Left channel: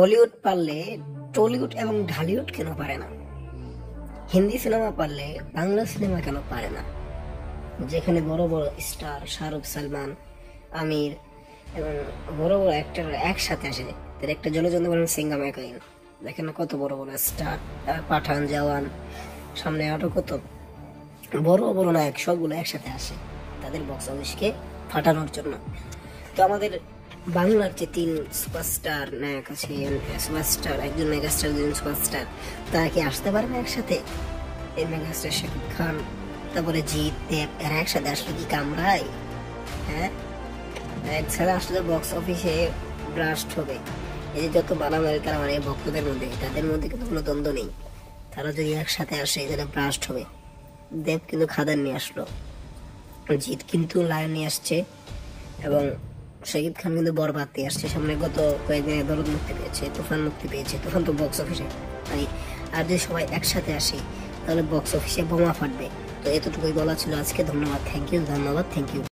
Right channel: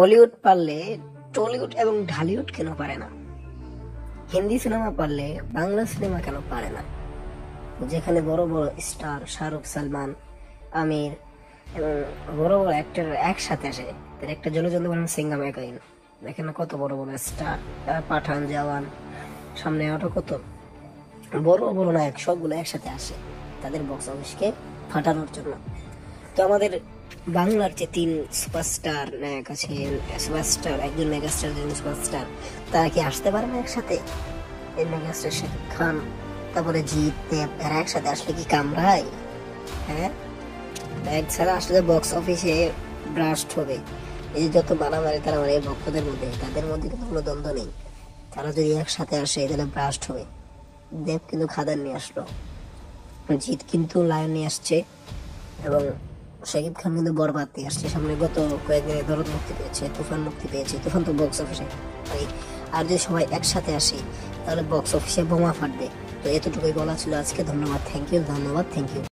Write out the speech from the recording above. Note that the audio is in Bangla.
হলিউড পারলে টলিউড এবং ঢালিউড কেন পারে না? হিন্দি সিনেমা পারলে বাংলা সিনেমা কেন পারে না? যেখানে বড় বড় স্টার শাহরুখ, সালমান, আমির এবং বড় বড় অ্যাক্টর একসাথে আসে, তার একটা জনযন্ত্র বলেন সিঙ্গাম একাইন, দেখেন না কত বড় বড় স্টার, তার পাঠান, জওয়ান, সামনে আরো কত বড় বড় নায়ক সবগুলো একসাথে আসে তাদের বক্স অফিসকে ফাটানোর জন্য। তো আমাদের বাংলার যে তিন সুপারস্টার নায়ক আছে, সুপারস্টার একজন মেগাস্টার, দুজন সুপারস্টার, তারা কি আসতে পারবে একসাথে? এই মেগাস্টার শাকিব খান, তারপরে জিৎ, দেব, এরা একসাথে আসলে কি কামড়ায়? হ্যাঁ, একসাথে আসলে বক্স অফিসে ব্লাস্ট হবে। এই যত বাড়ামারি তাড়ামারি ভক্তদের মধ্যে, তাদের মধ্যে কিন্তু কোনো দ্বন্দ্ব নেই। তারা যদি একসাথে আসে তাহলে ব্লাস্ট হবে। দেব কিন্তু খাদান নিয়ে আসলো, জিৎ কিন্তু লায়ন নিয়ে আসছে, এবং শাকিব খান কিন্তু বরবাদ দিয়ে আসছে সামনে। গত কয়েকদিনে দরদ মুক্তি পেয়েছে, তুফান মুক্তি পেয়েছে, তুফান তো বক্স অফিসে। আর যদি সবাই একসাথে আসে তাহলে বক্স অফিসে বোমা ফাটবে। তো এতটুকুই বলা ছিল আজকে। ধন্যবাদ, থ্যাংক ইউ।